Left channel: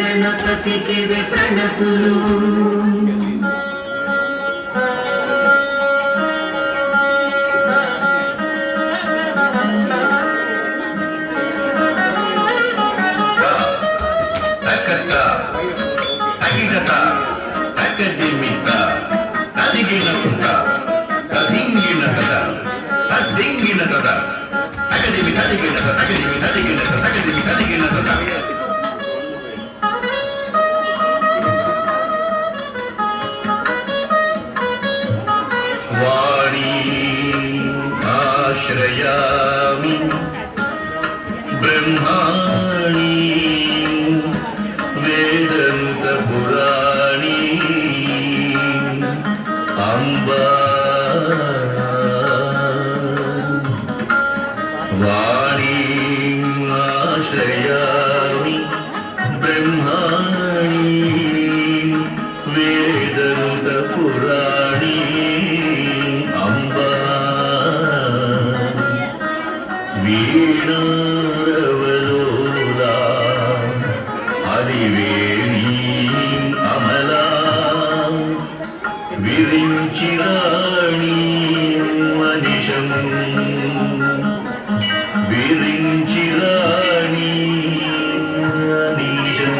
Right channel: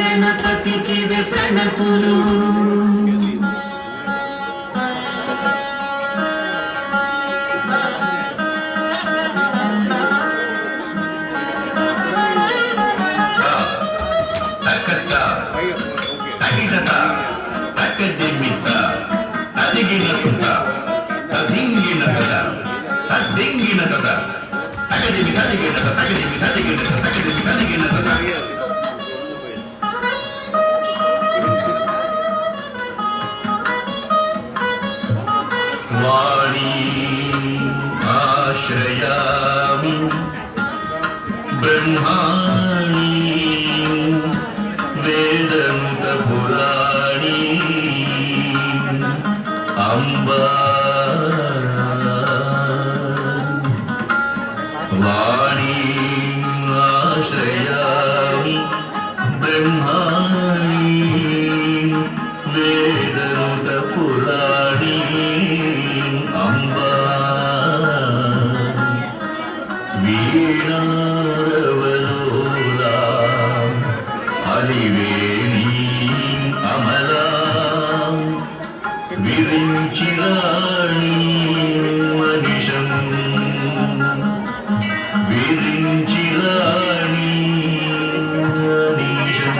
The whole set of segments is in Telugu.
గణపతికి ప్రణతులు వాణి ఆశ్రయామి బ్రహ్మాణి వేదనుత పురాణి అంబా వాణి ఆశ్రయామి బ్రహ్మాణి వేదనుత పురాణి అంబా వీణారవలోలా హరివేణీ అమలా విరించిరాణి మనిషం విరించిరాణి మనిషం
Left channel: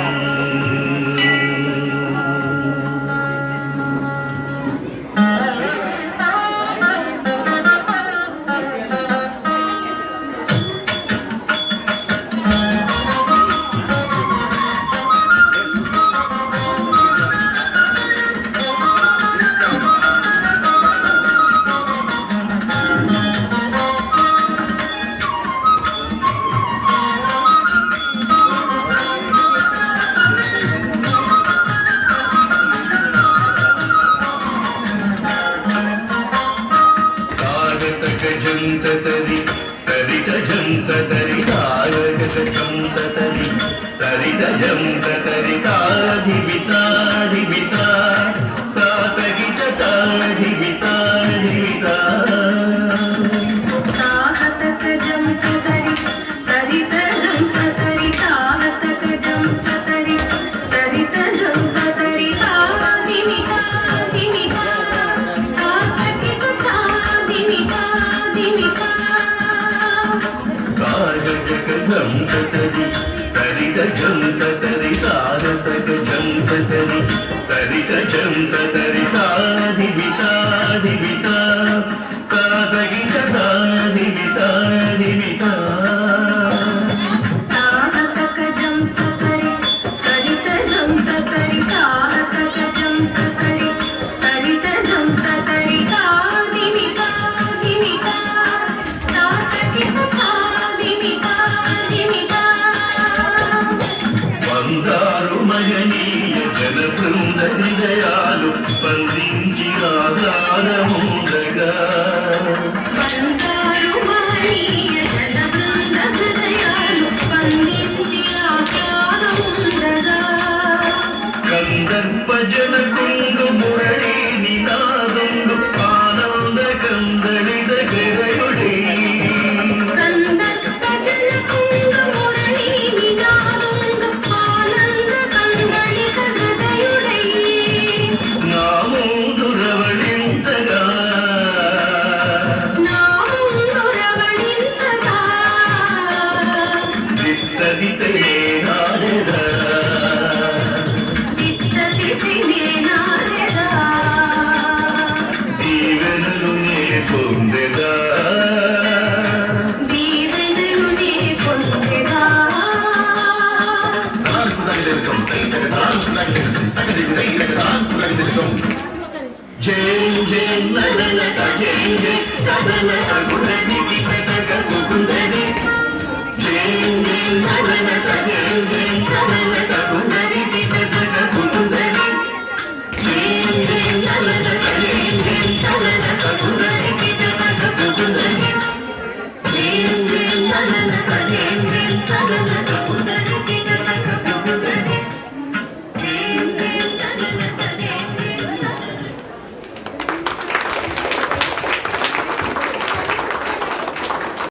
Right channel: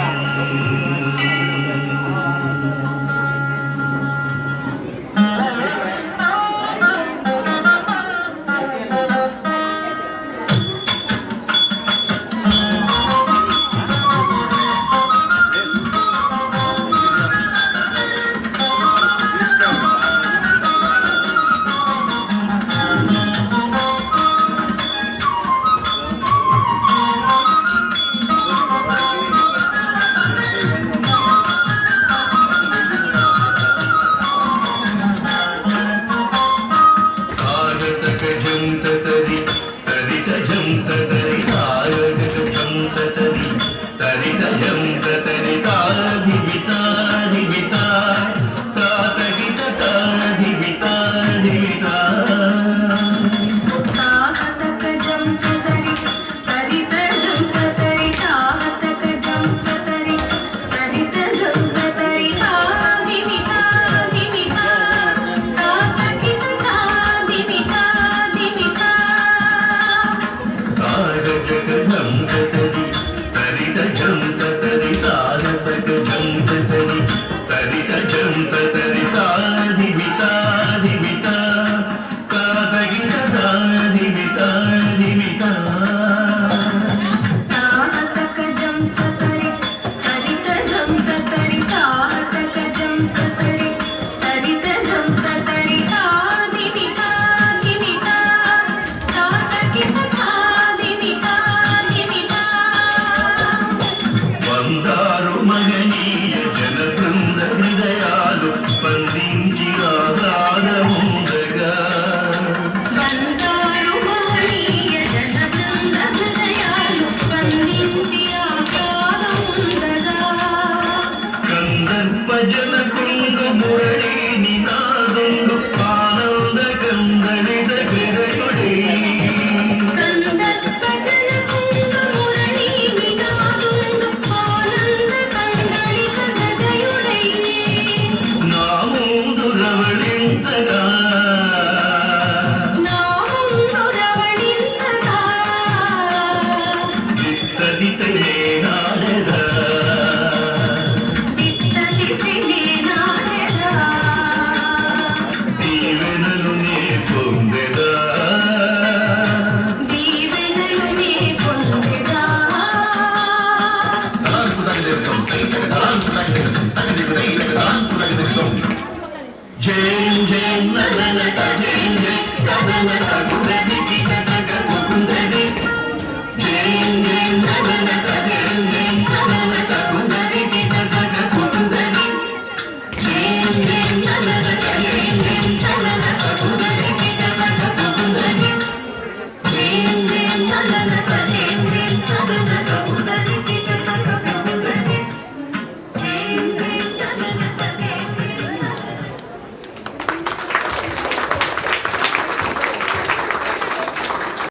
సరిత మహనీయ జన బృంద హృదయాలు స్పందించి ఆహ్లాదముందగా బంగారు మహనీయ జన బృంద హృదయాలు స్పందించి ఆహ్లాదముందగా కందర్ప జనకుండు మురళీ నినాదండు ఆనంద కందళిత గరయుడే కందర్ప జనకుండ మురళీ నినాదండు ఆనంద కందళిత హృదయుడై నామోదు రవళించగా నా ముందు రవళించగా దిత్తదితనే నాయదా చిత్తతిథినే నాడెదా దీవెనలు నే పొందెదా దీవెనలు నే పొందెదా జై జై నలనక జై జై నలనక గురజీ